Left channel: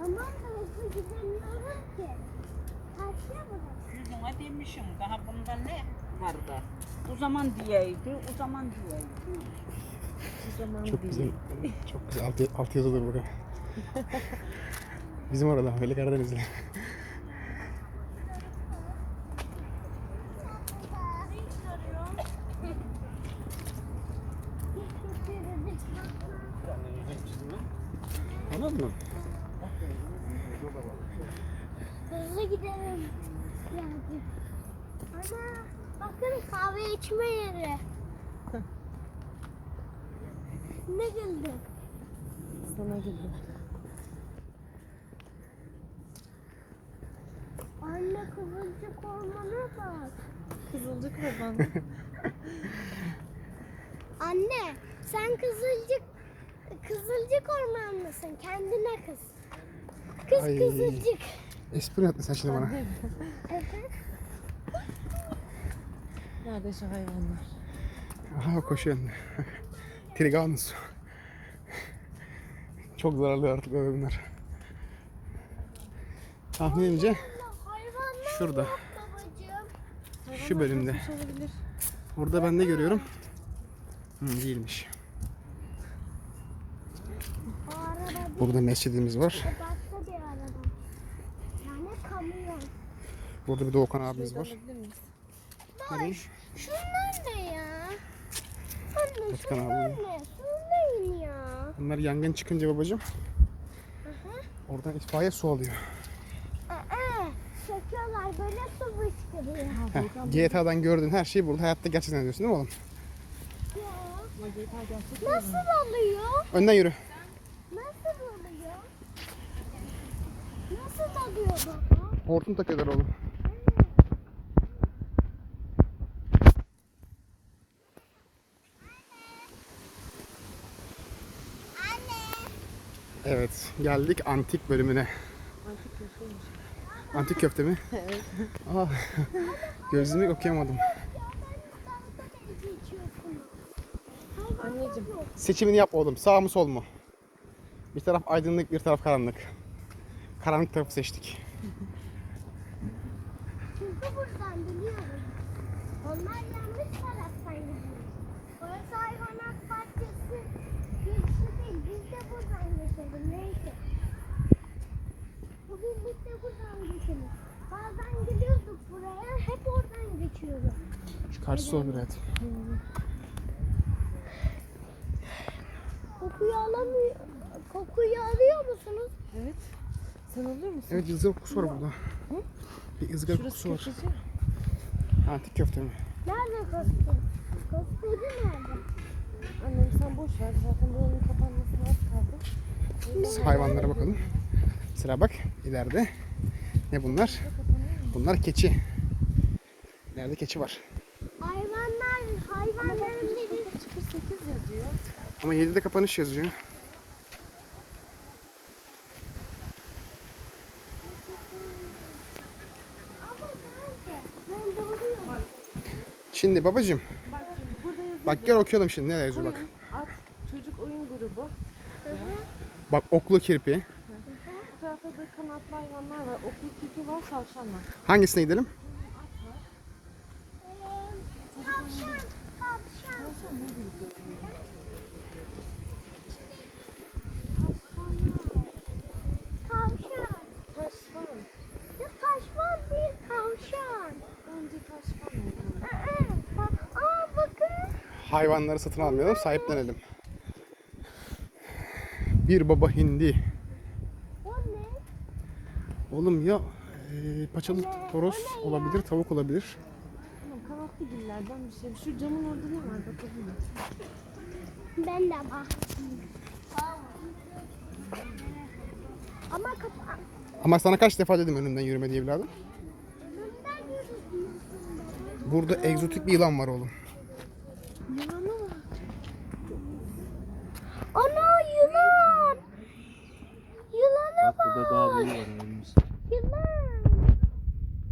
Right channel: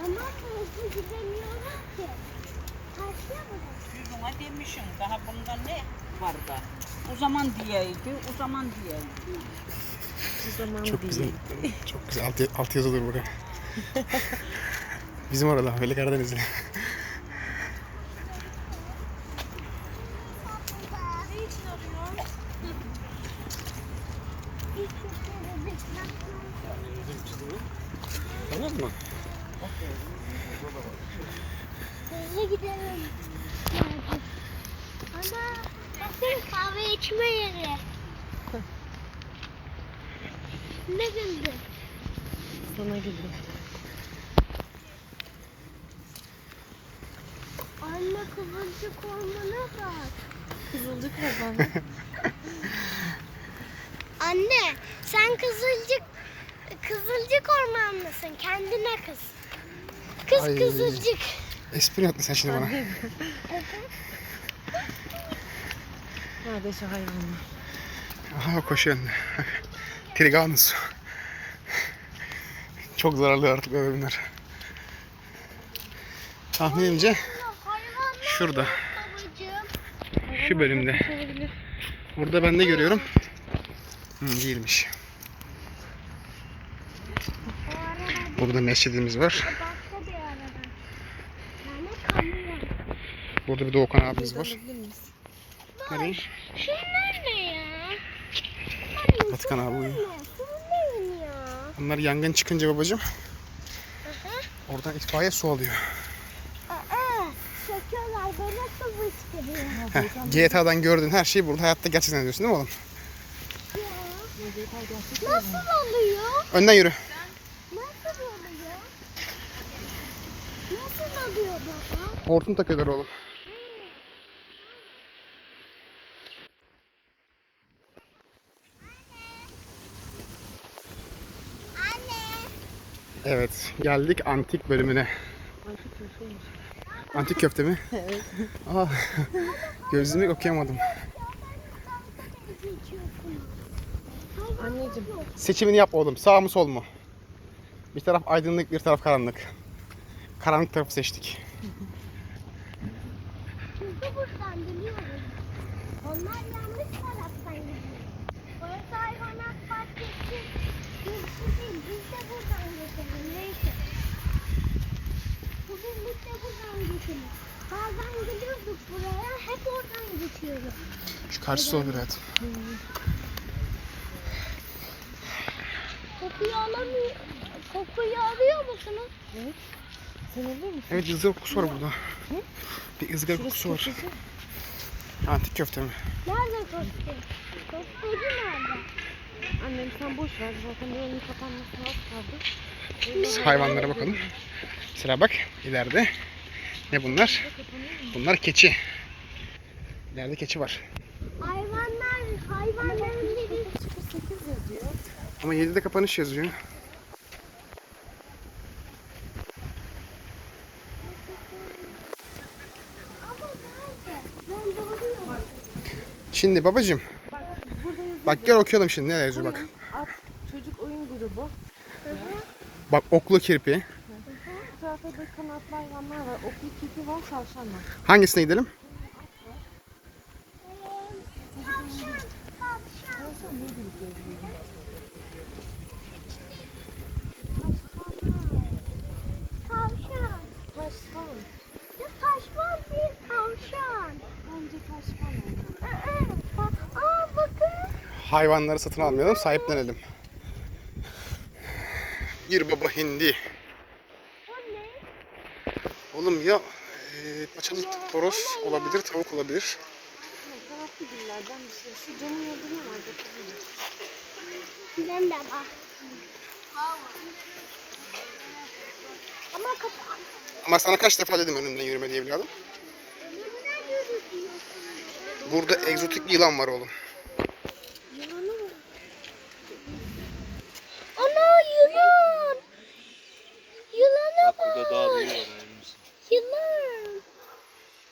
Tamam da hızlı gidemiyorum ki. Taşla mı? Yüzüne demişim. Daha bunda ne var da? O zaman diyeydi, o zaman diyeydi. Çok güzel. Çok güzel. Alt yazılır buraya. Bizim orada, Veli Karadenizli. Tamam mı? Hızlı gidelim. Yani. Ana bakın kahve içme yeri. Ne güldü? Sana güldüm. Anne kıvırcık ormana bak. Kızılcık mı bana? Anne sen kızılcık ormanlısın. Kendine kız. Kız Ay. kızılcık. Espri yaptın sen şimdi bana. Nerede şu hayvanlar? Aha koşuyor önde. Triganus. Çok zararlı artık böyle bunlar. Tahminimce şurada. Şu bölümde. Burada ben de görüyorum. Değilmiş. Burada mescidimiz var. Başka bir araba. Yani kamyon. Burada bir Doğukan abimiz var. Nereye? Şunlar ne ya? Batıkan abi. Şunlar ne ya? Bunlar yangın çıkınca babacığım Hı. oradan itfaiye su alıyor. Çekiyorlar böyle su fışkırıyor. GTA'dan gördüğün her şeyi burada hayatta gerçekten diyorsun değil mi oğlum? Nasıl oluyor? Önden yürü. Nasıl oluyor? Nasıl oluyor baba? Hortum takıyorlar oğlum. Evet, geldik antik bölümüne. Antik köfte mi? Evet. Gözümü okuyamadım. Anneciğim. Seçimini yap oğlum. Sağ mı sol mu? Bir taraf aydınlık, bir taraf karanlık. Karanlık tarafı seçtik. Çünkü buradan biliyorum. Onlar yanlış taraftan gidiyor. Orası hayvanat bahçesi. Biz de buradan geçelim. Neyse. Bugün biz de buradan geçelim. Bazen geliyorduk buraya. Hep oradan geçiyoruz. Şu karşısı olur hayatım. Kokuyu alıyor musunuz? Evet. Sen alıyor musun? Evet, ızgara kokusu var burada. Bir ızgara kokusu var. Antik köfte mi? Nerede köfte? Köfteci nerede? Annem sen boş ver. Zaten buranın kapanmasına az kaldı. Biz hayvanlara bakalım. Mesela bak ileride. Ne bunlar? Bunlar keçi. İleride keçi var. Hayvanların dedi. 8 yazıyor. Ama 7'de kapanış yazıyor. Ama nerede? Ben doğruyum. Şimdi babacığım. Bak gel okuyalım şimdi ne yazıyor bak. At, çocuk oyun grubu. Bak oklu kirpi. Bu tarafa da kanatlı hayvanlar var. Okul kiki var, tavşan var. Hangisine gidelim? Tavşan ne gibi görünüyor? Tavşan. Taşlan. Ya taşman değil tavşan. Önce taşlan. Bakın. Hayvanları satın almayalım, sahiplenelim. Bir baba hindi. O ne? Oğlum ya paçalı horoz olabilir, tavuk olabilir. Kanatlı güllerden bir şey. Şu camın orada ne var? Bakabilir. Ben de bak. Ama kapat. Ama sana kaç defa dedim önümden yürüme diye evladım. Önümden yürüdüm. Burada egzotik bir yılan var oğlum. Yılanı var. Ana yılan. Yılanı Bak burada daha büyüğü var önümüz. Yılan.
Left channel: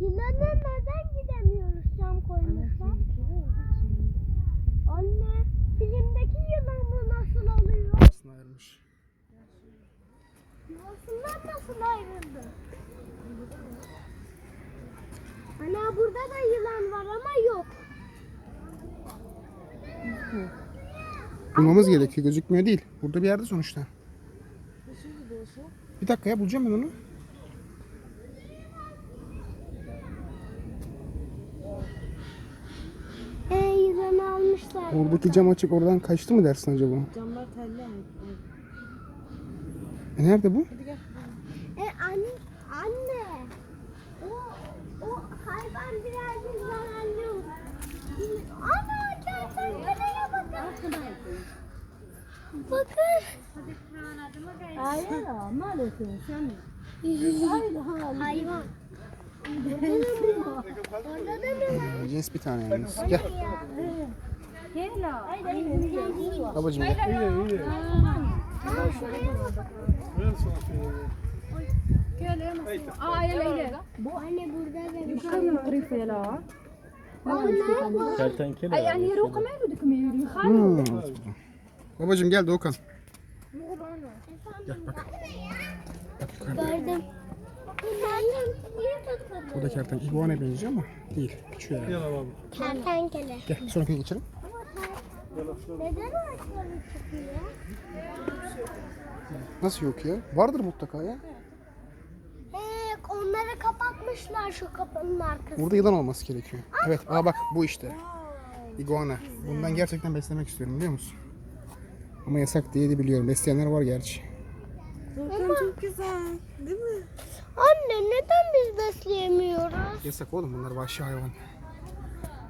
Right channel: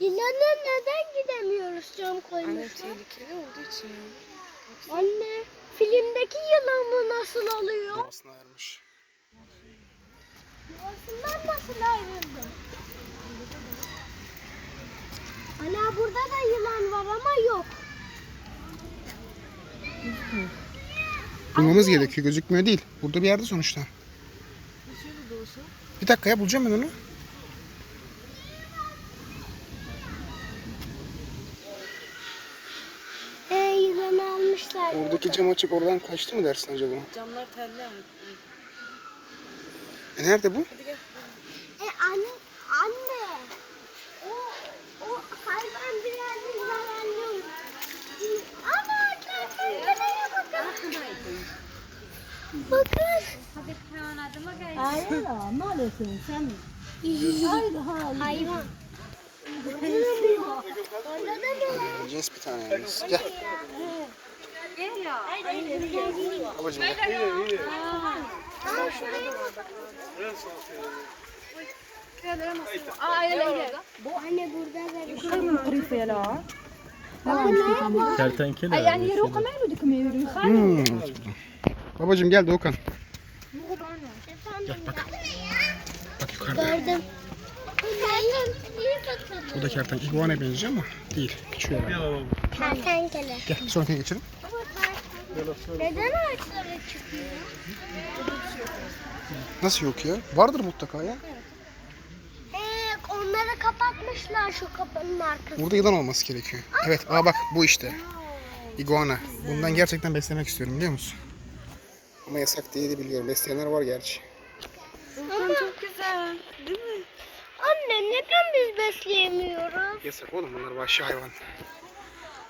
Yılana neden gidemiyoruz cam Anne koymuşlar? tehlikeli olduğu için. Anne filmdeki yılanı nasıl alıyor? Aslında ayırmış. Yuvasından nasıl ayrıldı? Ana burada da yılan var ama yok. Bulmamız gerekiyor. Gözükmüyor değil. Burada bir yerde sonuçta. Bir dakika ya, bulacağım ben onu. Yılanı almışlar. Oradaki cam açıp oradan kaçtı mı dersin acaba? Camlar telli ama. Nerede bu? Anne. O hayvan birazcık zararlı. Ana kertenkeleye bakın. Bakın. Ne alıyorsun sen? Hayvan. Orada da mı var? Cins bir tane yalnız. Gel. Babacığım gel. Anne burada da bir şey var. Kertenkele. Babacığım gel Doğukan. Efendim. Bak yukarıda. Gördüm. Bu da kertenkele. İguana benziyor ama değil. Küçük herhalde. Kertenkele. Gel bir sonrakine geçelim. Neden ağaçlara çıkıyor? Nasıl yok ya? Vardır mutlaka ya. Onları kapatmışlar şu kapının arkasına. Burada yılan olması gerekiyor. Evet, bak bu işte. İguana. Bundan gerçekten beslemek istiyorum, biliyor musun? Ama yasak diye de biliyorum. Besleyenler var gerçi. Ama Çok güzel. Değil mi? anne neden biz besleyemiyoruz? Yasak oğlum, bunlar vahşi hayvan.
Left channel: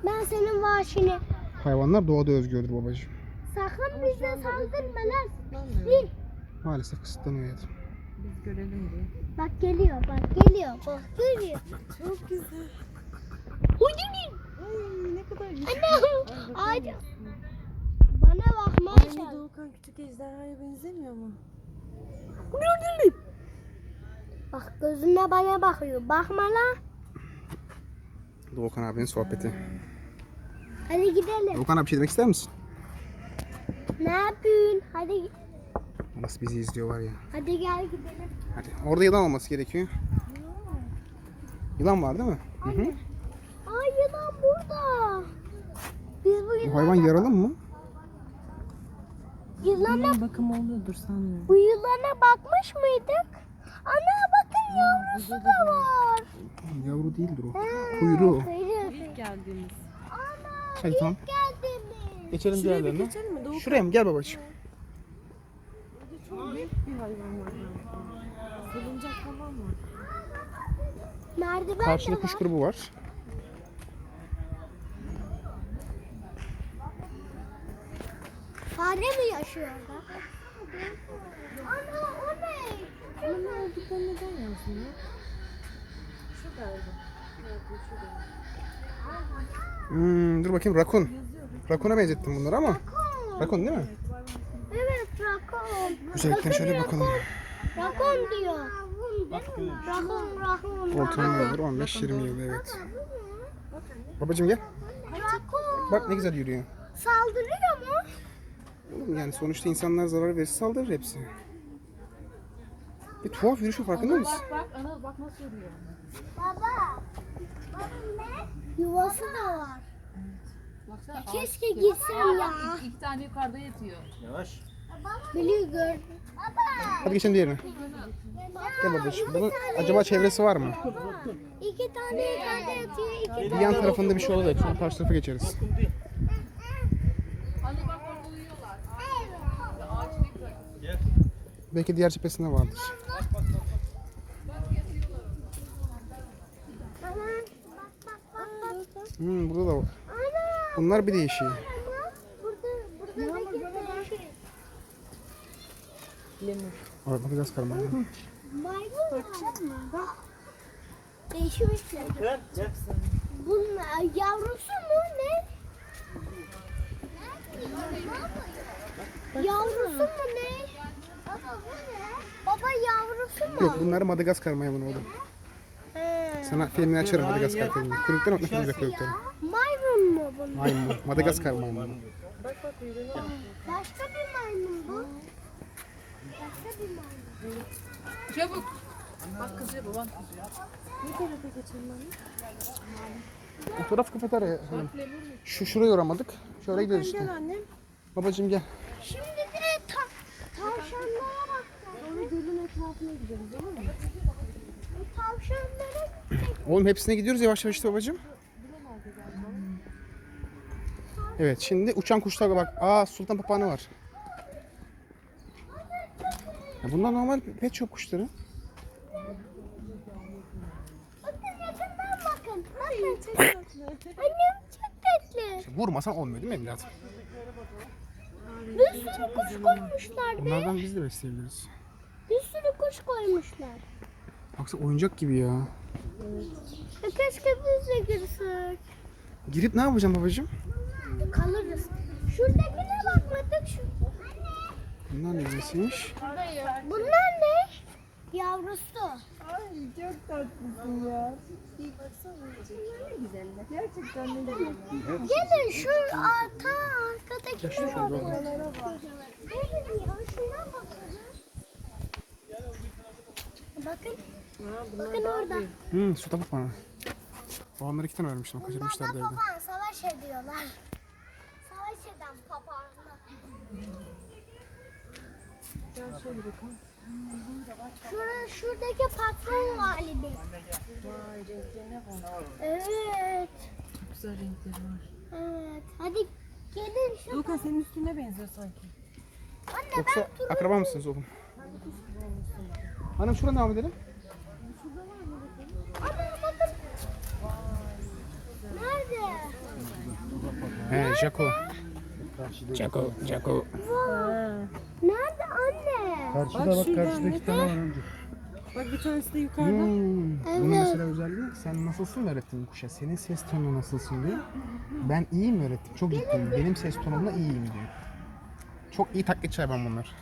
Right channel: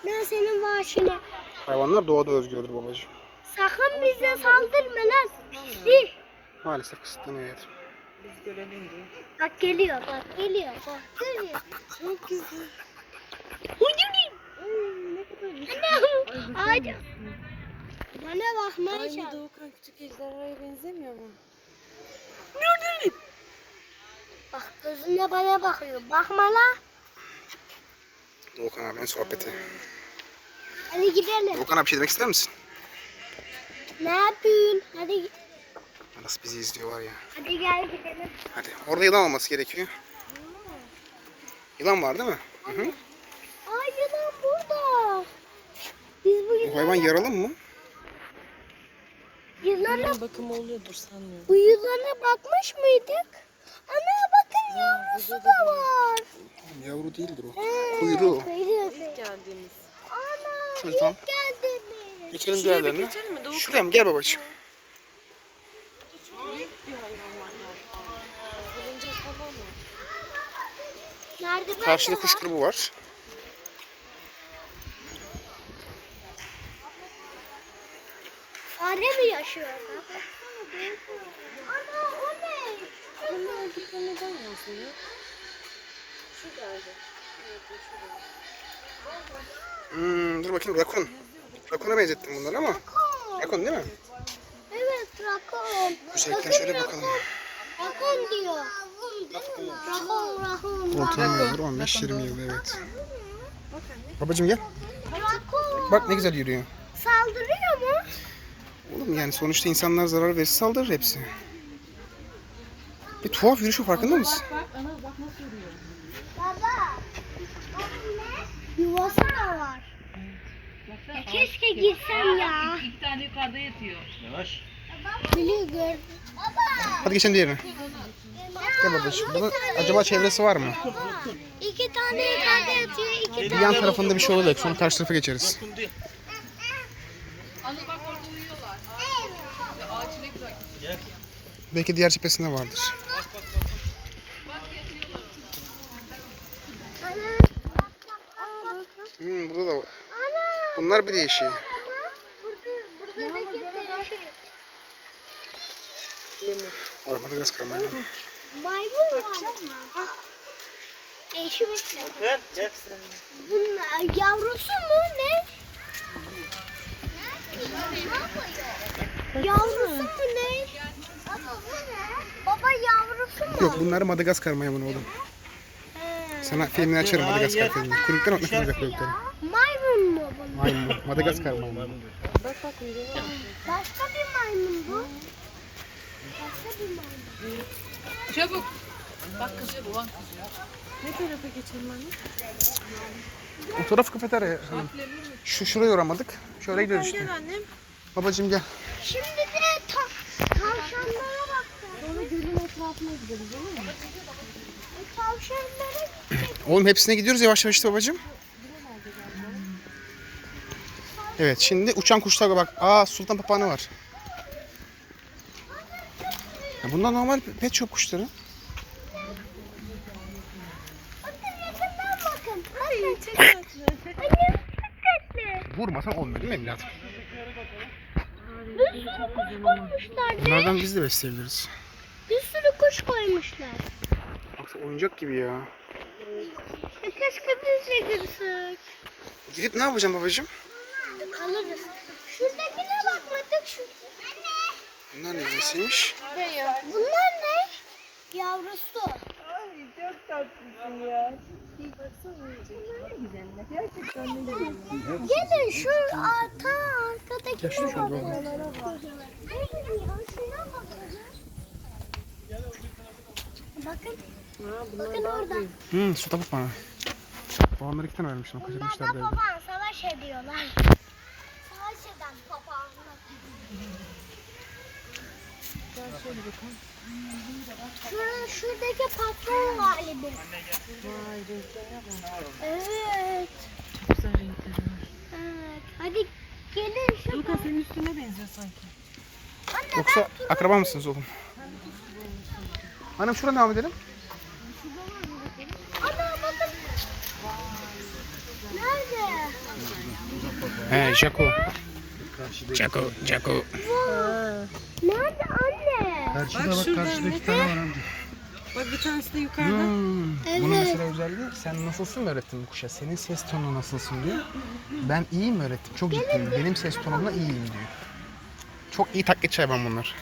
Ben senin vahşine. Hayvanlar doğada özgürdür babacığım. Sakın bize saldırma lan. Pislik. Maalesef kısıtlanıyor hayatım. Biz görelim diye. Bak geliyor bak geliyor. Bak geliyor. Çok güzel. Ne kadar güzel. Anne ağaç. Bana bakmaya Aynı çalış. Doğukan küçük ejderhaya benzemiyor mu? Bak gözüne bana bakıyor. Bakma lan. Doğukan abinin sohbeti. Hadi gidelim. Doğukan abi bir şey demek ister misin? Ne yapıyorsun? Hadi Nasıl bizi izliyor var ya. hadi gel gidelim. Hadi. Orada yılan olması gerekiyor. Yılan var değil mi? Hı hı. Ay yılan burada. Biz bu Bu hayvan yaralı mı? yılana, Bakım oluyordur sanmıyorum. bu yılana bakmış mıydık? Ana bakın yavrusu da var. Yavru değildir o. Kuyruğu. Kuyruğu. Geldiğimiz. Ana Hadi tamam. geldi mi? Geçelim Şuraya bir diğerlerine. geçelim mi? Doğukan. Şuraya mı? Gel babacığım. Büyük bir hayvan var galiba. Salıncak falan mı? Merdiven Karşıda de kuş var. grubu var. Fare mi yaşıyor? Ana o ne? Onun olduklarını görmüyorsun ya. Şurada öyle. Dur bakayım, rakun. Rakuna benzettim bunları ama. Rakun değil mi? Evet rakon. Güzellikten şöyle bakalım. Rakon diyor. Rakon. Ortalama olur 15-20 yıl, evet. Babacığım gel. Rakon. Bak ne güzel yürüyor. Saldırıyor mu? Oğlum yani sonuçta insanlar zarar verirse saldırır hepsi. Bir tuhaf yürüyüşü, farkında mısın? Baba. Yuvası da var. Ya keşke gitsem ya. İki tane yukarıda yatıyor. Yavaş. Biliyor gördüm. Hadi geçelim diğerine. Gel babacığım. Bunun acaba çevresi var mı? İki tane yukarıda yatıyor. İki Bir tane. yan tarafında bir şey olacak. Sonra karşı tarafa geçeriz. Belki diğer cephesinde vardır. Ana. Bak bak bak bak. Burada da var. Ana. Bunlar bir değişiği. Ama burada da gitti. Ay, Madagaskar maymun. Maymun var. Değişmiş. Gel gel. Bunun yavrusu mu ne? Yavrusu mu ne? Baba bu ne? Baba yavrusu mu? Yok, bunlar Madagaskar maymunu oğlum. Sana filmini açarım, Madagaskar filmi. Kuyruklar bak, ne kadar güzel kuyrukları. Maymun mu bunlar? Maymun. Madagaskar maymunu. Başka bir maymun bu. Başka bir maymun. Çabuk. Bak kızıyor, baban kızıyor. Ne tarafa geçelim anne? O taraf kafeterya hanım. Şuraya uğramadık. Şöyle gidiyoruz işte. Gel annem. Babacığım gel. Şimdi de tavşanlara bakacağız. Sonra gölün etrafına gidelim değil mi? Tavşanlara Oğlum hepsine gidiyoruz yavaş yavaş işte babacığım. Evet şimdi uçan kuşlara bak. Aa sultan papağanı var. Ya bunlar normal pet shop kuşları. bakın yakından bakın. Bakın çok tatlı. Annem çok tatlı. Vurmasan olmuyor değil mi evladım? Bir sürü kuş koymuşlar. Bunlardan biz de besleyebiliriz. Bir sürü kuş koymuşlar. Baksana oyuncak gibi ya. Keşke biz de girsek. Gidip ne yapacağım babacığım? Kalırız. Şuradakine bakmadık. Bunlar ne nesiymiş? Bunlar ne? Yavrusu. Gelin şu arkadaki Gel şuraya bakalım. Bakın. Bakın orada. Sultan papağanı. Babamlar 2 tane vermiştim. Bunlar Kaçırmışlar da evde. papağan savaş ediyorlar. Savaş eden papağanlar. Gel şöyle bakalım. Şuradaki patron galiba. Vay renklerine bak. Evet. Çok güzel renkleri var. Evet. Hadi gelin şu. Luka senin üstüne benziyor sanki. Anne Yoksa akraba mısınız oğlum? Hanım şuradan devam edelim. ana bakın. Nerede? He Jaco. Jaco. Nerede anne? Bak şurada iki tane var amca. Bak bir tanesi de yukarıda. Bunun mesela özelliği sen nasılsın mı öğrettin bu kuşa? Senin ses tonun nasılsın diyor. Ben iyi mi öğrettim? Çok ciddiyim. Benim ses tonumla iyiyim diyor. Çok iyi taklit hayvan bunlar.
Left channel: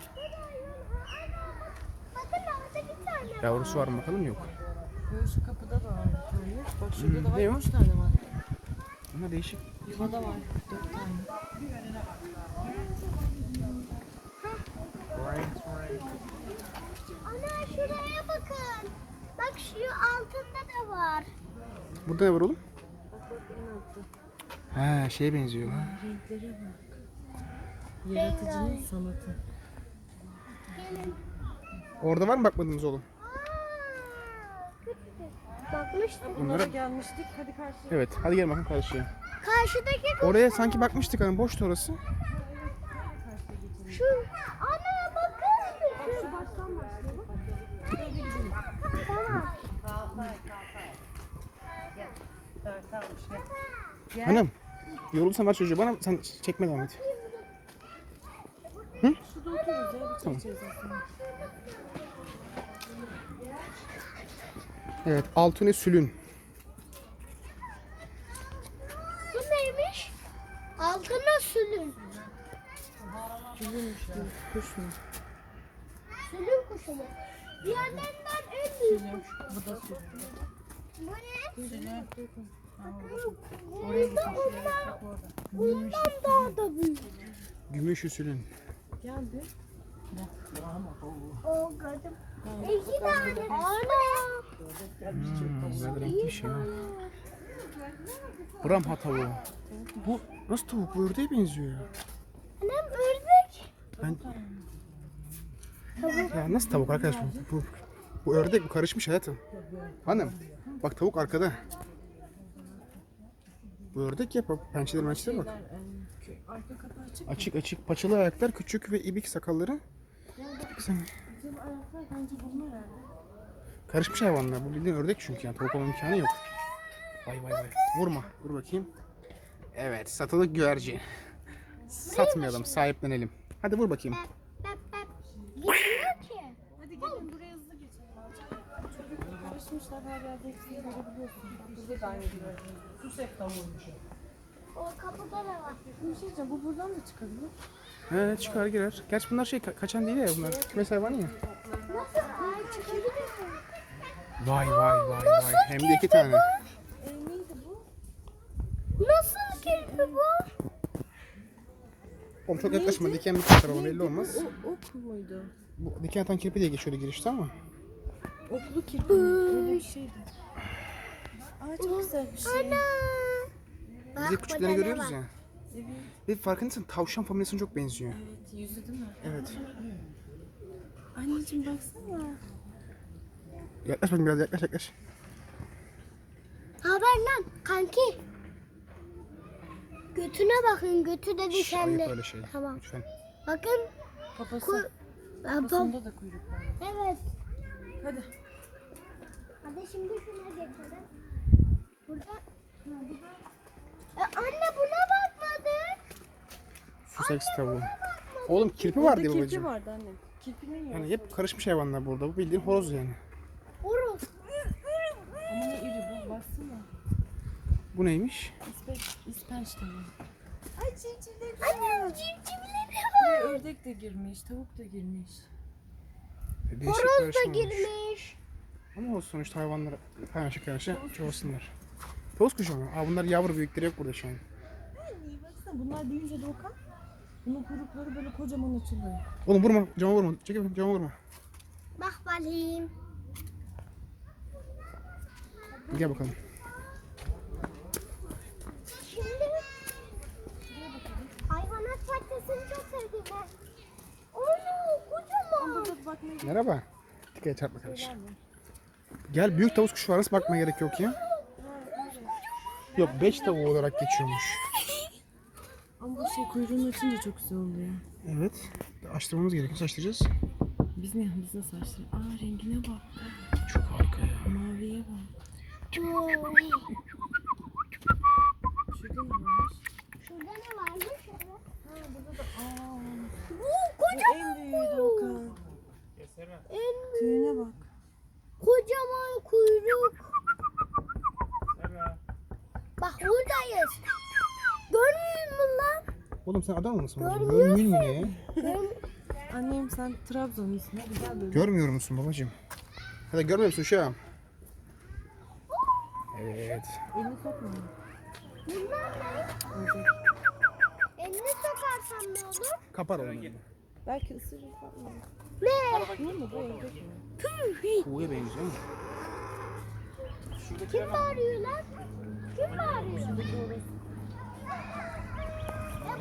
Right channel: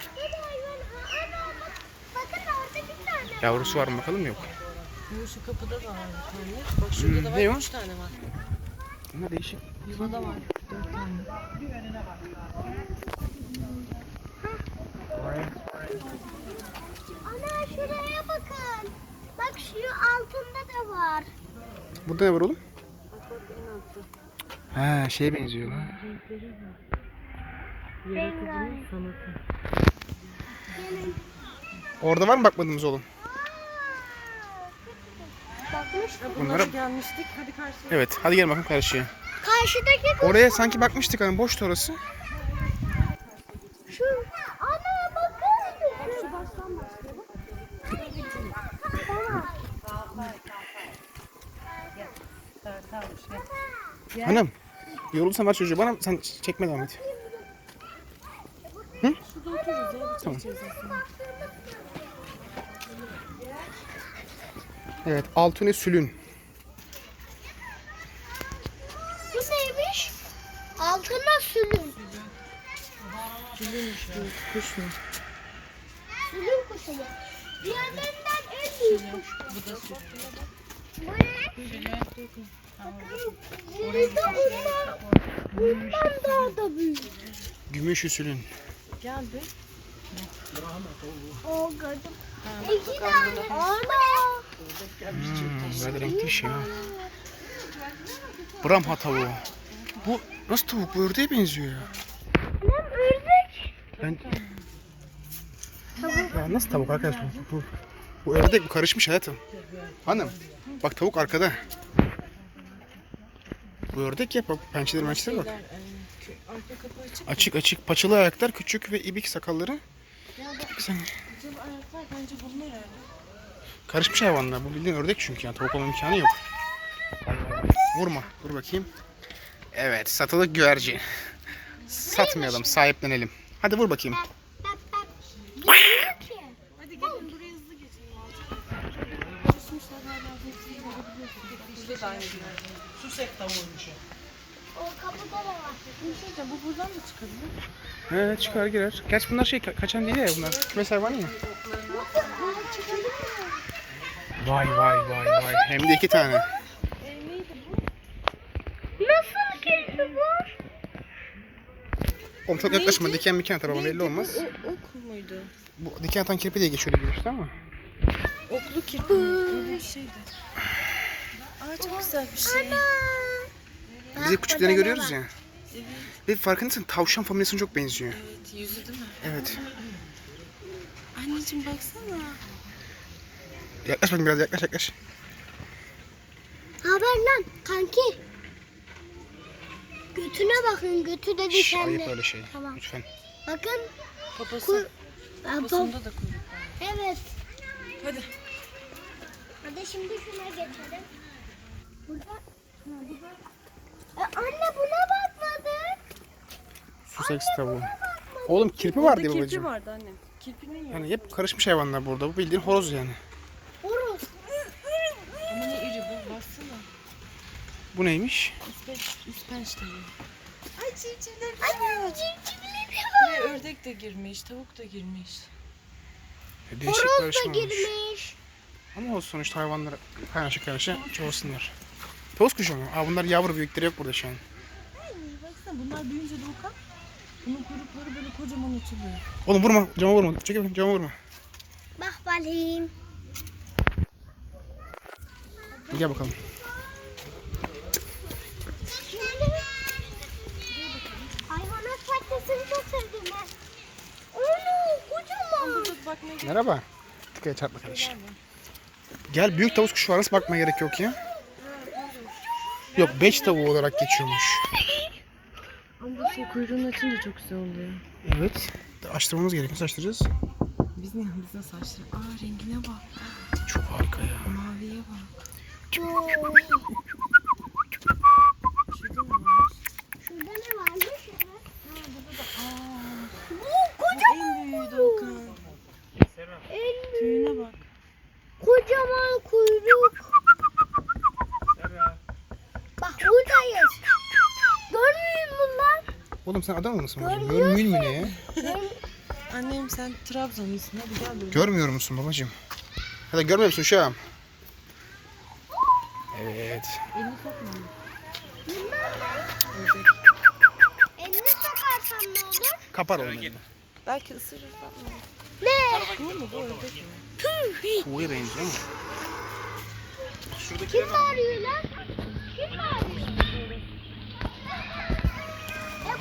Bakın orada bir tane. Yavrusu var mı bakalım yok. Şu kapıda da var bir tane. Bak şurada da var. ne o? 3 tane var. Bunlar değişik. Yuvada var 4 tane. Ana şuraya bakın. Bak şu altında da var. Burada ne var oğlum? Ha şeye benziyor lan. Renkleri var. Yaratıcının sanatı. Gelin. Orada var mı bakmadığımız oğlum? Bakmıştık. Bunlara... Gelmiştik. Hadi karşıya. Evet hadi gelin bakın karşıya. Karşıdaki Oraya sanki bakmıştık hani boştu orası. şu. Ana bakın. Şu baştan başlayalım. Tamam. Hanım yorulsan ver çocuğu bana sen çekme devam et. Hı? Tamam. Evet Altune Sülün. Bu neymiş? Altına sülün. Kuş mu? Sülün kuşu mu? Diğerlerinden en büyük. Bu da süt. Bu ne? Bundan daha da büyük. Gümüş Sülün. Geldi. O gördüm. İki tane. Ana. Böyle renkli bir şey ha. Brahma tavuğu. Bu nasıl tavuk? Bu ördeğe benziyor ya. Anam ördek. Ben... Ya nasıl tavuk arkadaş bu ördek bu karışmış hayatım. Hanım bak tavuk arkada. Bu ördek ya bak pençeleri bak. Arka kapı açık. Açık açık paçalı ayaklar küçük ve ibik sakalları. Bak sen Acaba ayaklar bence bunlar herhalde. karışmış hayvanlar. Bu bildiğin ördek çünkü yani tavuk olma imkanı yok. Vay vay vay. Vurma. Dur bakayım. Evet satılık güvercin. Satmayalım sahiplenelim. Hadi vur bakayım. Bak bak. Bilmiyor ki. Hadi gelin buraya hızlı geçelim. Karışmışlar hala hepsini görebiliyorsunuz. Bizde de aynı gibi. Susek tavuğuymuş. O kapıda da var. Bir şey de bu buradan da çıkabilir. He çıkar girer. Gerçi bunlar şey kaçan değil ya bunlar. Kümes hayvanı ya. Vay vay vay vay. Hem de 2 tane. Neydi bu? Nasıl kedi bu? Oğlum çok yaklaşma. Diken mi atar ama belli olmaz. Ok muydu? Bu diken atan kirpi diye geçiyor gelişti ama. Oklu kirpi öyle bir şeydi. Aa çok güzel bir şey. Biz hep küçüklerini görüyoruz ya. Ve farkındaysan tavşan familyasına çok benziyor. Evet yüzü değil mi? Evet. Anneciğim baksana. Yaklaş bakayım biraz yaklaş. Haber lan kanki. Götüne bakın, götü de Şş, ayıp dikenli. öyle şey. Tamam. Lütfen. Bakın. Papası. Papasında da kuyruk var. Evet. Hadi. Hadi şimdi şuna geçelim. Anne buna bakmadık. Sussex tavuğu. Oğlum kirpi var diye Kirpi babacığım. vardı anne. Kirpinin yok. Yani hep karışmış hayvanlar burada. Bu bildiğin horoz yani. Horoz. Ama ne iri bu baksana. Bu neymiş? İspenç tavuğu. Ay civcivler Anne civcivleri Buraya ördek de girmiş, tavuk da girmiş. Değişik Horoz da karışım olmuş. girmiş. Ama o sonuçta hayvanlar kaynaşa çoğalsınlar. Tavus kuşu mu? Aa, bunlar yavru, büyükleri yok burada şu an. Baksana bunlar büyüyünce Doğukan. Bunun kuyrukları böyle kocaman açılıyor. Oğlum vurma, cama vurma. Çekil bakayım, cama vurma. Bak bakayım. Gel bakalım. Hayvanat bahçesini çok sevdim ben. Onu kocaman. Burada bakmaya gerek Merhaba. Dikkat et, çarpma kardeş. Gel, büyük tavus kuşu var. Nasıl bakmaya gerek yok ya? Yok, beç tavuğu olarak geçiyormuş. Ama bu şey kuyruğunu açınca çok güzel oluyor. Evet. Açtırmamız gerekiyor. Nasıl açtıracağız? Biz nasıl açtırıyoruz? Aa rengine bak. Çok harika ya. Maviye bak. Şurada ne var? Şurada ne varmış? Bu en büyüğü Doğukan. Tüyüne bak. Kocaman kuyruk. Bak buradayız. Görmüyor musun lan? Oğlum sen Adanalı mısın babacığım? Görmüyorsun. Görmüyor mu ne ya? Annem sen Trabzonlusun hadi gel böyle. Görmüyor musun babacığım? Hadi görmüyor musun uşağım? Evet. Elini sokma. Elini sokarsam ne olur? Kapar oğlum. Belki ısırır falan. Ne? Bu mu bu ördek mi? Tavuğa benziyor mu? Kim bağırıyor lan? Kim bağırıyor?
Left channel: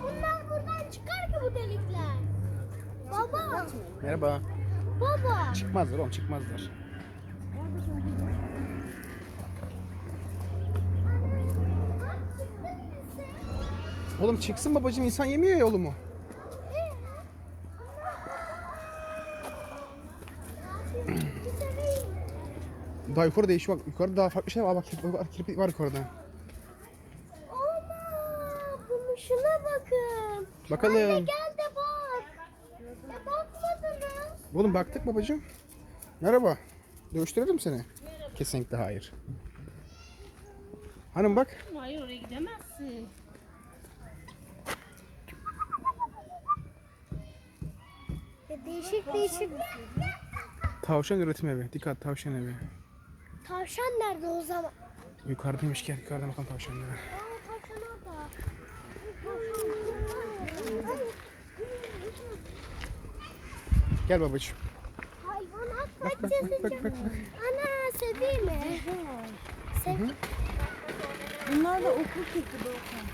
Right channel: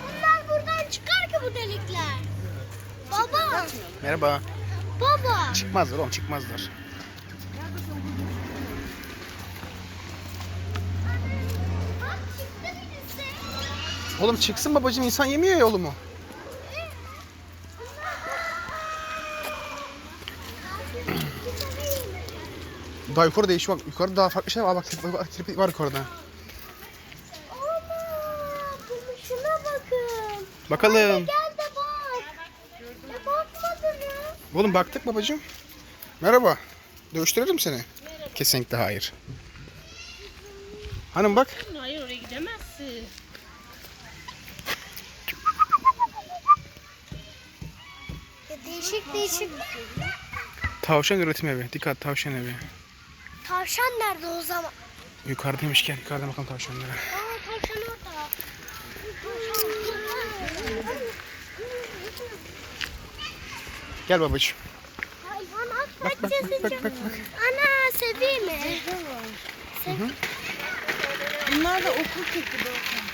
Bunlar buradan çıkar ki bu delikler. Baba, Merhaba. baba. Çıkmazlar oğlum, çıkmazlar. Bak çıktı birisi. Oğlum çıksın babacığım, insan yemiyor ya oğlumu. Daha yukarı değişiyor bak. Yukarıda daha farklı şeyler var. Bak kirpi var yukarıda. Ana, bunu şuna bakın. Bakalım. Gel de bak. Ya bakmadınız. Oğlum baktık babacığım. Merhaba. Dövüştürelim seni. Kesinlikle hayır. Hanım bak. Hayır oraya gidemezsin. Ya değişik değişik. Tavşan üretim evi. Dikkat, tavşan evi. Tavşan nerede o zaman? Yukarıdaymış, gel. Yukarıda bakalım tavşanlara. Aa tavşan orada. Gel babacığım. Hayvanat Bak bak bahçesi. bak bak bak. bak. Ana seveyim mi? Bunlar da okul kirpi Doğukan.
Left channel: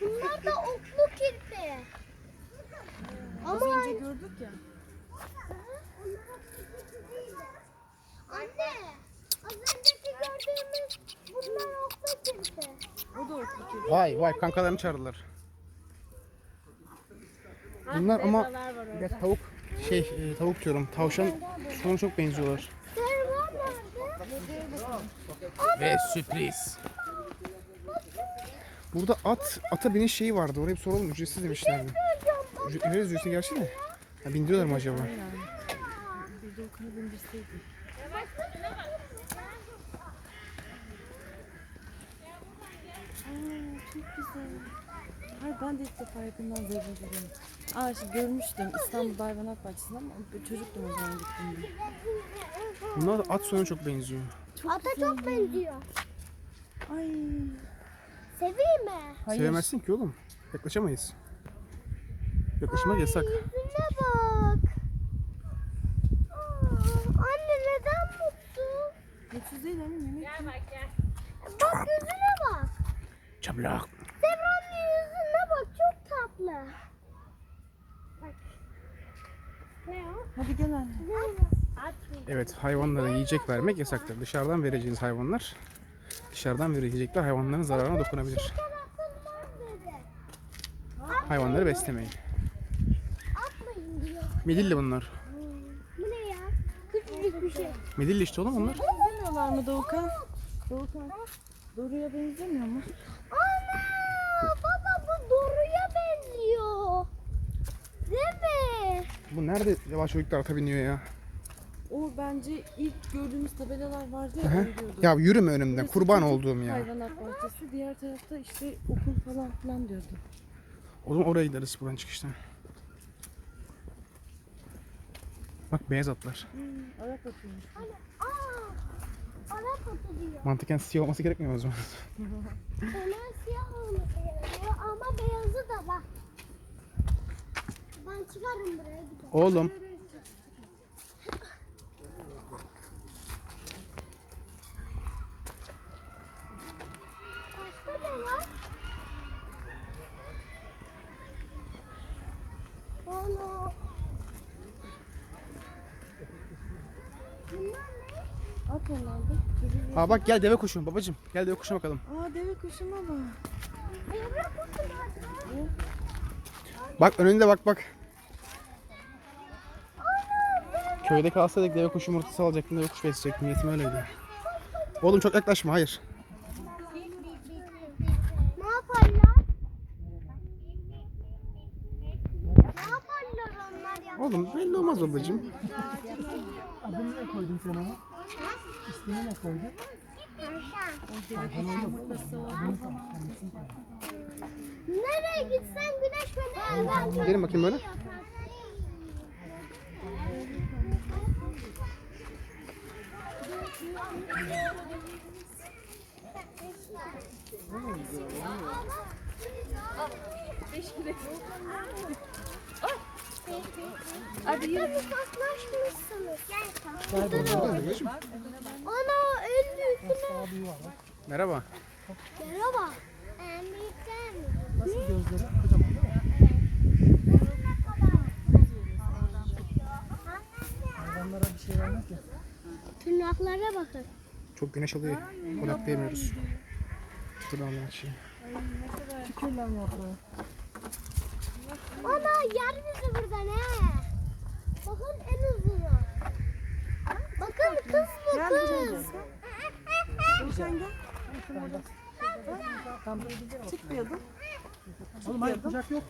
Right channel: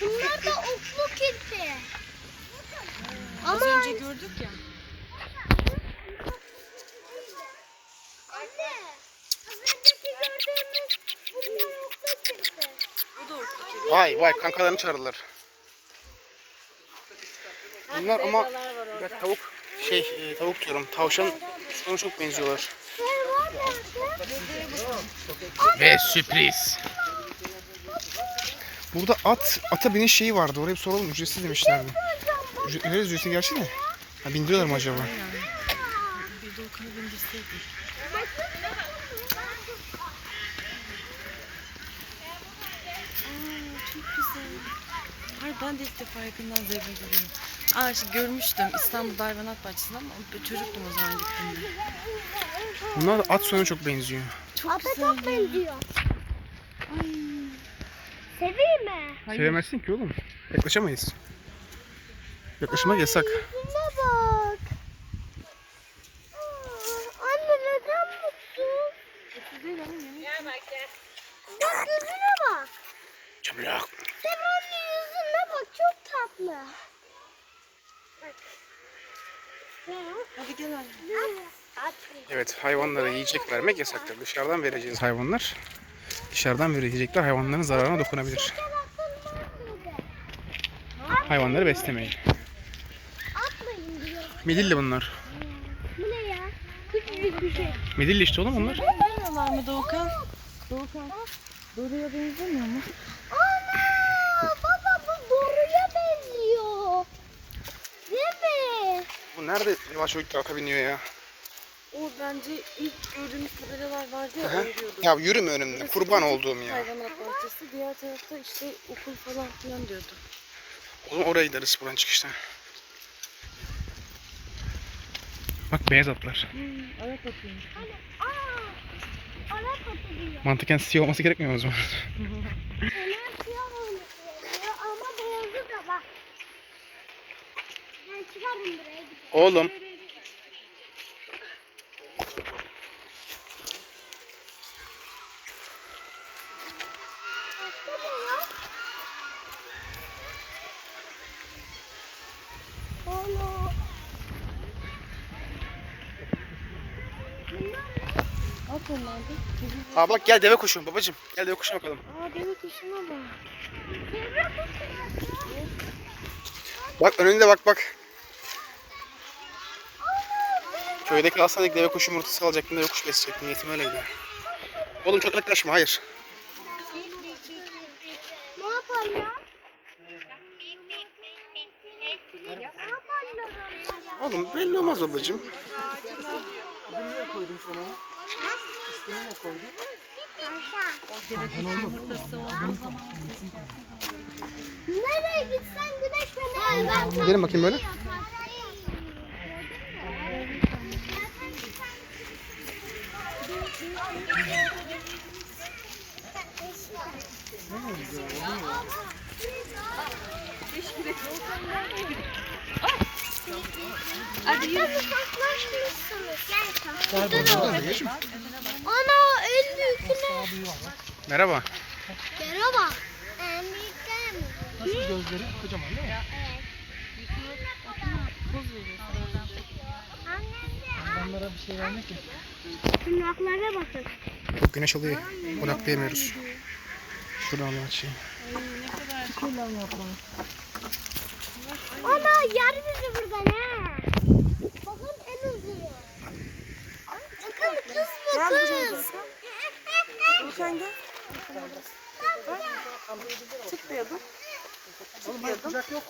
Bunlar da oklu kirpi. Az Ama önce gördük ya. anne, az önceki gördüğümüz bunlar oklu kirpi. O da okul kirpi. Vay vay, kankalarını çağırırlar. Bunlar ama ya tavuk tavuk diyorum. Tavşan sana çok benziyorlar. Şey var nerede? Ve sürpriz. Burada ata biniş şeyi vardı. Oraya bir soralım. Ücretsiz demişlerdi. Ücretsiz gerçi de. Ha, bindiriyorlar mı acaba? Bir Doğukan'ı bindirseydik. Çok güzel. Hayır ben de ilk defa yakından zebra görüyorum. Aa işte görmüştüm İstanbul Hayvanat Bahçesi'nde ama çocuktum o zaman gittiğimde. Bunlar da at soyuna çok benziyor. Çok Ata güzel çok ya. benziyor. Ay. Seveyim mi? Sevemezsin ki oğlum. Yaklaşamayız. Yaklaşmak yasak. Yüzüne bak. Anne neden mutsuz? Mutsuz değil annem yemek. Bak gözüne bak. Çablak. Semra'nın yüzüne bak çok tatlı. Bak. Ne o? Hadi gel anne. Evet, hayvanlara yiyecek vermek yasaktır. Dışarıdan vereceğiniz hayvanlar, dışarıdan yiyecekler hayvanların zararına dokunabilir. Hayvanları beslemeyin. Atmayın diyor. Midilli bunlar. Bu ne ya? Küçücük bir şey. Midilli işte oğlum onlar. Benzemiyorlar mı Doğukan? Doğukan. Doğruya benzemiyor mu? Ana! Baba bu boruya benziyor. Değil mi? Bu nerede yavaş çocuklar ata biniyor ya? O bence ilk gördüğümüz tabelalar vardı ya. Aha. öyle diyordu. Ya yürüme önümden, kurban olduğum ya. Hayvanat bahçesi. Diğer tarafta işte okul falan filan diyordu. O zaman oraya gideriz buradan çıkıştan. Bak beyaz atlar. Ayak atıyormuş. Hani Arap atı diyor. Mantıken siyah olması gerekmiyor mu o zaman? Onlar siyah olması gerekiyor ama beyazı da bak. Ben çıkarım buraya gidelim. Oğlum. Başka ne var? Ana. At onlardı. Aa bak gel deve kuşu babacım. Gel deve kuşuna bakalım. Aa deve kuşuna bak. Devre kutusu. Bak önünde bak bak. Köyde kalsaydık deve kuşu yumurtası alacaktım, deve kuşu besleyecektim. Niyetim öyleydi. Oğlum çok yaklaşma, hayır. Ne yaparlar? Ne yaparlar onlar? Oğlum belli olmaz babacım. Nereye gitsen güneş beni Gelin bakayım böyle. Hadi uzaklaşmışsınız. Babacım. Ana en büyüküne. Merhaba. Merhaba. En büyükler mi? Gözleri kocaman değil mi? Hayvanlara bir şey vermek ya. Tırnaklara bakın. Çok güneş alıyor. Odaklayamıyoruz. Şuradan alayım açayım. Ana yer bizi buradan ha. Bakın en uzunu. Bakın kız bu kız. Sen gel. Çıkmıyordun. Oğlum hayır kucak yok.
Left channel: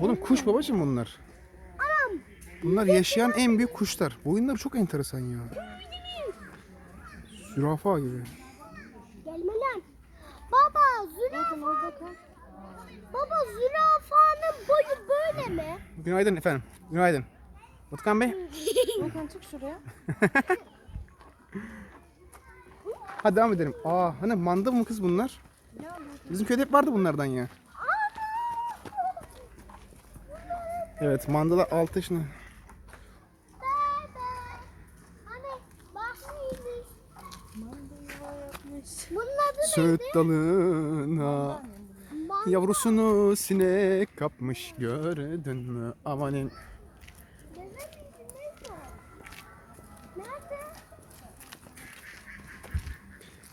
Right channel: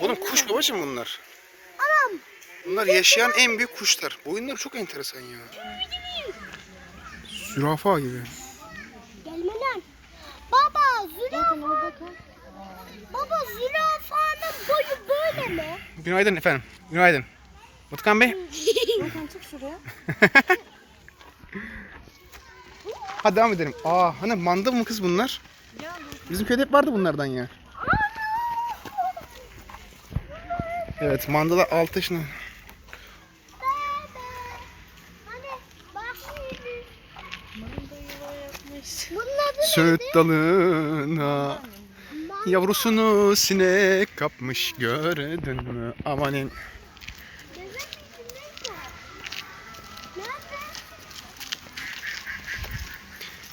Oğlum kuş babacım bunlar. Bunlar yaşayan en büyük kuşlar. Boyunları çok enteresan ya. Zürafa gibi. Gelme lan. Baba zürafa. Baba zürafanın boyu böyle mi? Günaydın efendim. Günaydın. Utkan Bey. Doğukan çık şuraya. Hadi devam edelim. Aa hani manda mı kız bunlar? Bizim köyde hep vardı bunlardan ya. Evet mandalar 6 yaşında. Hani bak şimdi. Bunun adı Söğüt dalına manda. yavrusunu sinek kapmış gördün mü? Amanin. Deve içindeyse. Nerede?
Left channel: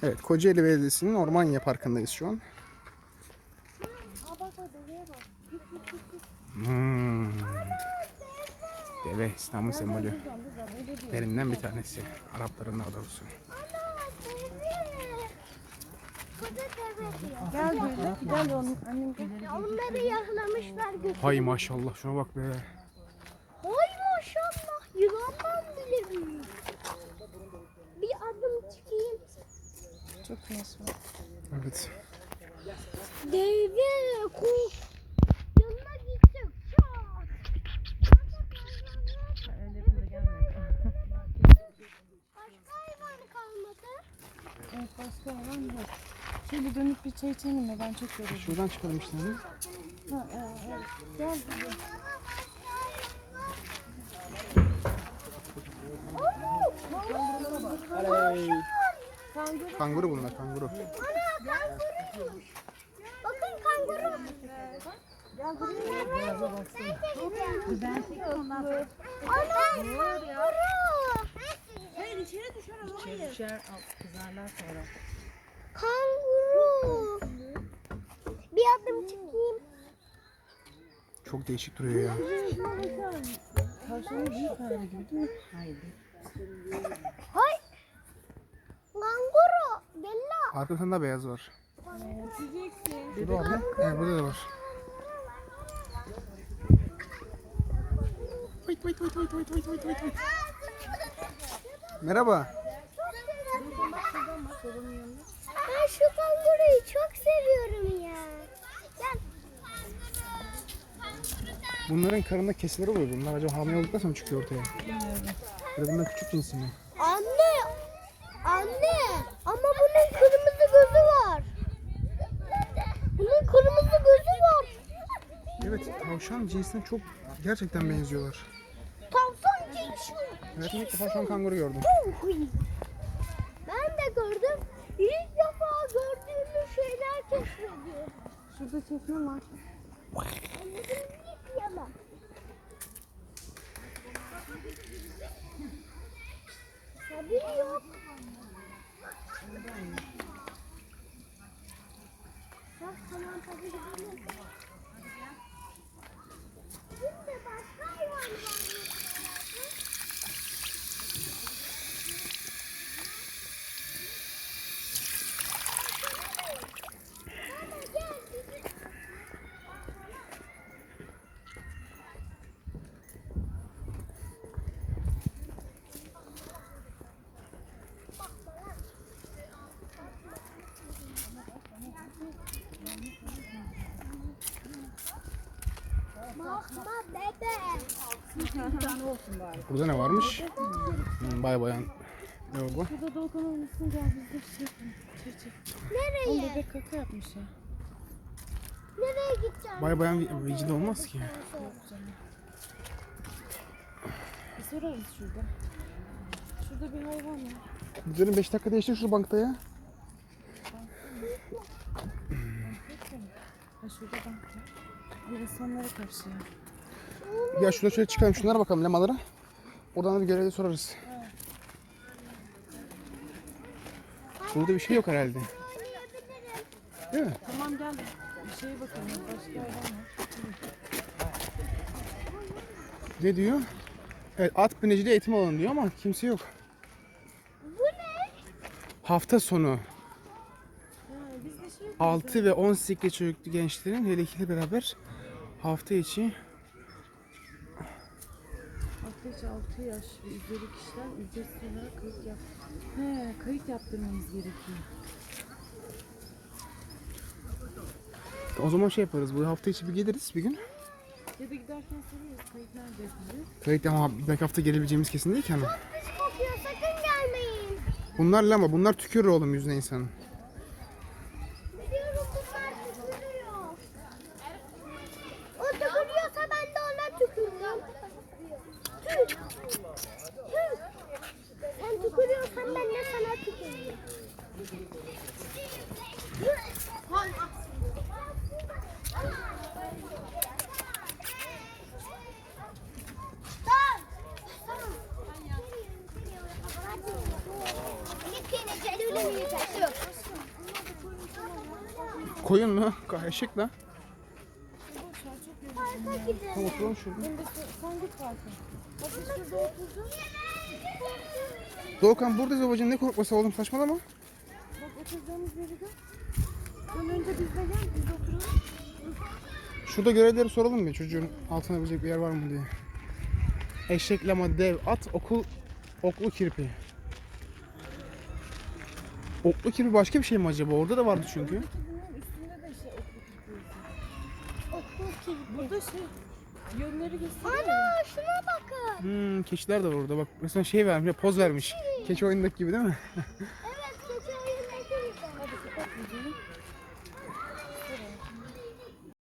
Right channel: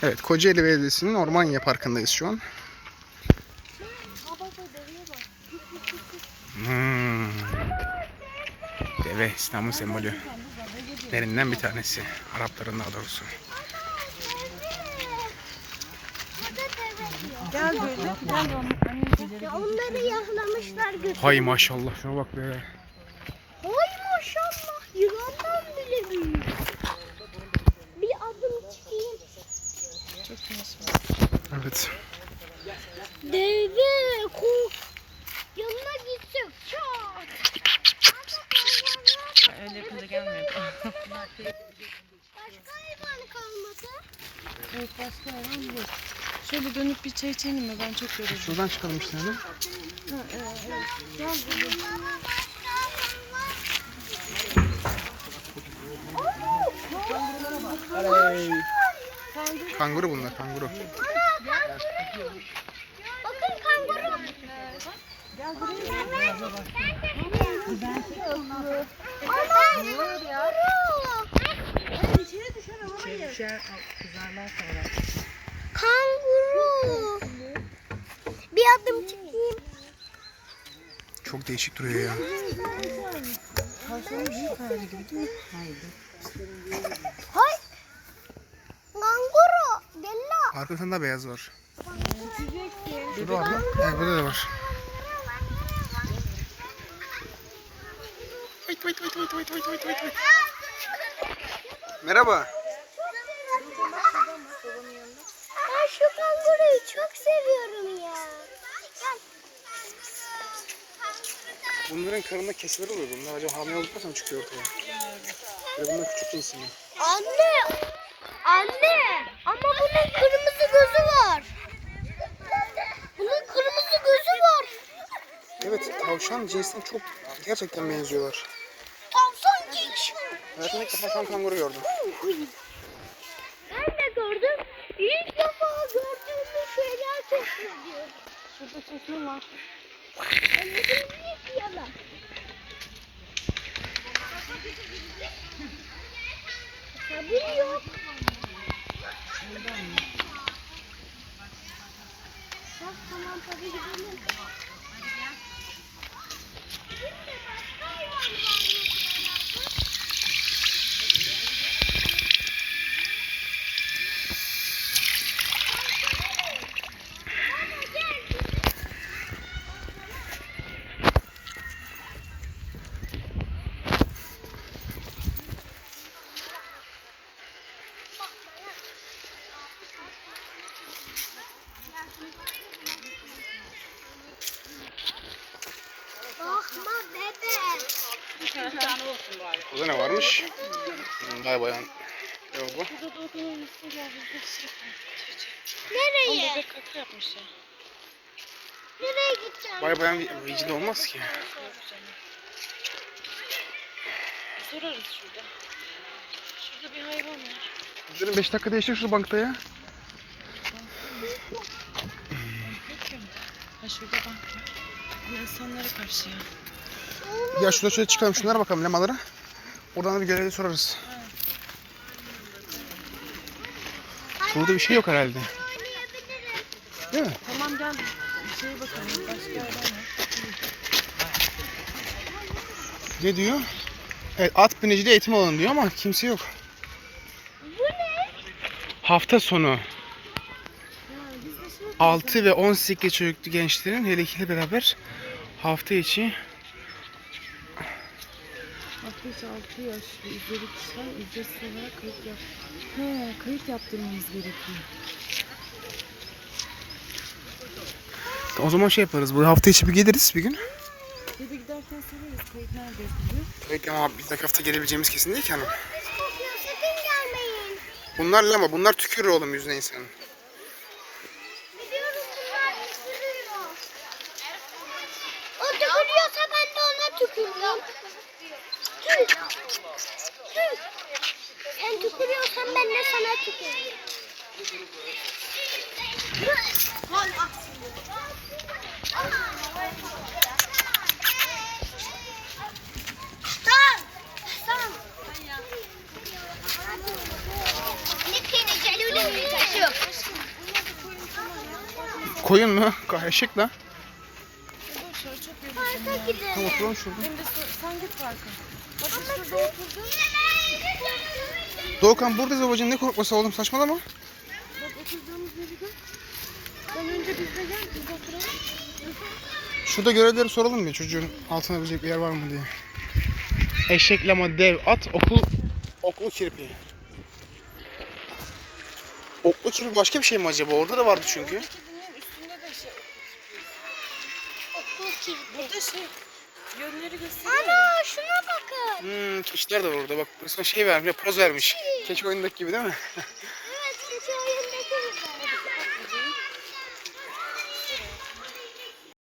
Evet Kocaeli Belediyesi'nin Ormanya Parkı'ndayız şu an. Baba deveye bak. Deve İstanbul sembolü. Derinden bir tanesi. Arapların daha doğrusu. Burada deve diyor. Gel böyle. Gel anneciğim. Ya onları yahlamışlar götürmüşler. Hay maşallah şuna bak be. Oy maşallah yılandan bile büyük. Bir adım çıkayım. Çok yaşlı. Evet. Deve kuk. Yanına gitsek çat. Öyle yapınca gelmiyor. Başka hayvan Evet, başka hayvan bu. Şöyle dönüp bir çay içelim mi? Ben çok yoruldum. Şuradan çıkalım işte. Hemen. Ha, evet. Gel buraya. Kanguru bunlar, kanguru. Bakın kanguru. Ana kanguru. Kanguru. Bir adım çıkayım. Çok değişik duruyor ya. Tavşanın büyük hali gibi değil mi? Hay. Kanguru. Della. Arkasında beyaz var. Şurada var mı? Evet, burada da var. Vıt vıt vıt vıt vıt vıt vıt vıt vıt. Merhaba. Ben şu kanguruyu çok seviyorum ya. Gel. Bunların karnında kesileri oluyor. Bunlar acaba hamile olduktan sonra çıkıyor ortaya. Böyle bunlar küçük cinsi mi? Anne. Anne. Ama bunun kırmızı gözü var. Bunun kırmızı gözü var. Evet, tavşan cinsine çok gerçekten benziyorlar. Tavşan cinsi. Hayatımda ilk defa kanguru gördüm. Ben de gördüm. İlk defa gördüğümüz şeyler çok seviyorum. Şurada sütun var. Yalan. Sabır yok. Tamam tabii gidelim. Bakma bebe. Bir tane olsun bari. Burada ne varmış? Bay bayan. Ne o bu? Burada da odanın üstüne gel bizde şey yapalım. Çiçek. O Nereye? bebek kaka yapmış ya. Nereye gideceğim? Bay bayan vicdan olmaz ki. Yok canım. Bir sorarız şurada. Şurada bir hayvan var. Bizlerin 5 dakika değiştir şu bankta ya. Peki mi? Ha şurada bank var. Bu insanlara karşı ya. Ya şurada şöyle çıkalım, şunlara bakalım lemalara. Oradan da bir görevli sorarız. Burada bir şey yok herhalde. Oynayabilirim. Değil mi? Tamam gel. Bir şeye bakalım. Başka hayvan var. Ne diyor? Evet, at biniciliği eğitim alanı diyor ama kimse yok. Bu ne? Hafta sonu 6 ve 18 çocuklu gençlerin hele ikiyle beraber hafta içi Ateş 6 yaş ve üzeri kişiler ücretsiz olarak kayıt yap. He, kayıt yaptırmamız gerekiyor. o zaman şey yaparız. Bu hafta içi bir geliriz bir gün. Dede giderken sorarız kayıt nerede yapılıyor. Tabii ki ama bir dahaki hafta gelebileceğimiz kesin değil ki hanım. Pis kokuyor, sakın gelmeyin. Bunlar lama, bunlar tükürür oğlum yüzüne insanın. Biliyorum bunlar tükürüyor. O tükürüyorsa ben de ona tükürürüm. Tüh. Tüh. Sen tükürüyorsan ben de sana tükürürüm. Tamam. Koyun mu? Eşek la. Boş ver çok yoruldum Parka ya. gidelim. Tamam oturalım şurada. Hem de sen git parka. Bak biz şurada oturduk. Doğukan buradayız babacığım, ne korkması oğlum, saçmalama. Bak oturacağımız yeri gör. Sen önce bizle gel biz oturalım. Şurada görevlileri soralım mı çocuğun altına bilecek bir yer var mı diye. Eşek, lama, dev, at, oklu kirpi. Oklu kirpi başka bir şey mi acaba? Orada da vardı çünkü. Buradaki bunların üstünde de şey okul tutuyorsun. Okul kirpi. Burada şey yönleri gösteriyor. Ana şuna bakın. Keçiler de var orada bak. Resmen şey vermiş, poz vermiş. Keçi oyundaki gibi değil mi?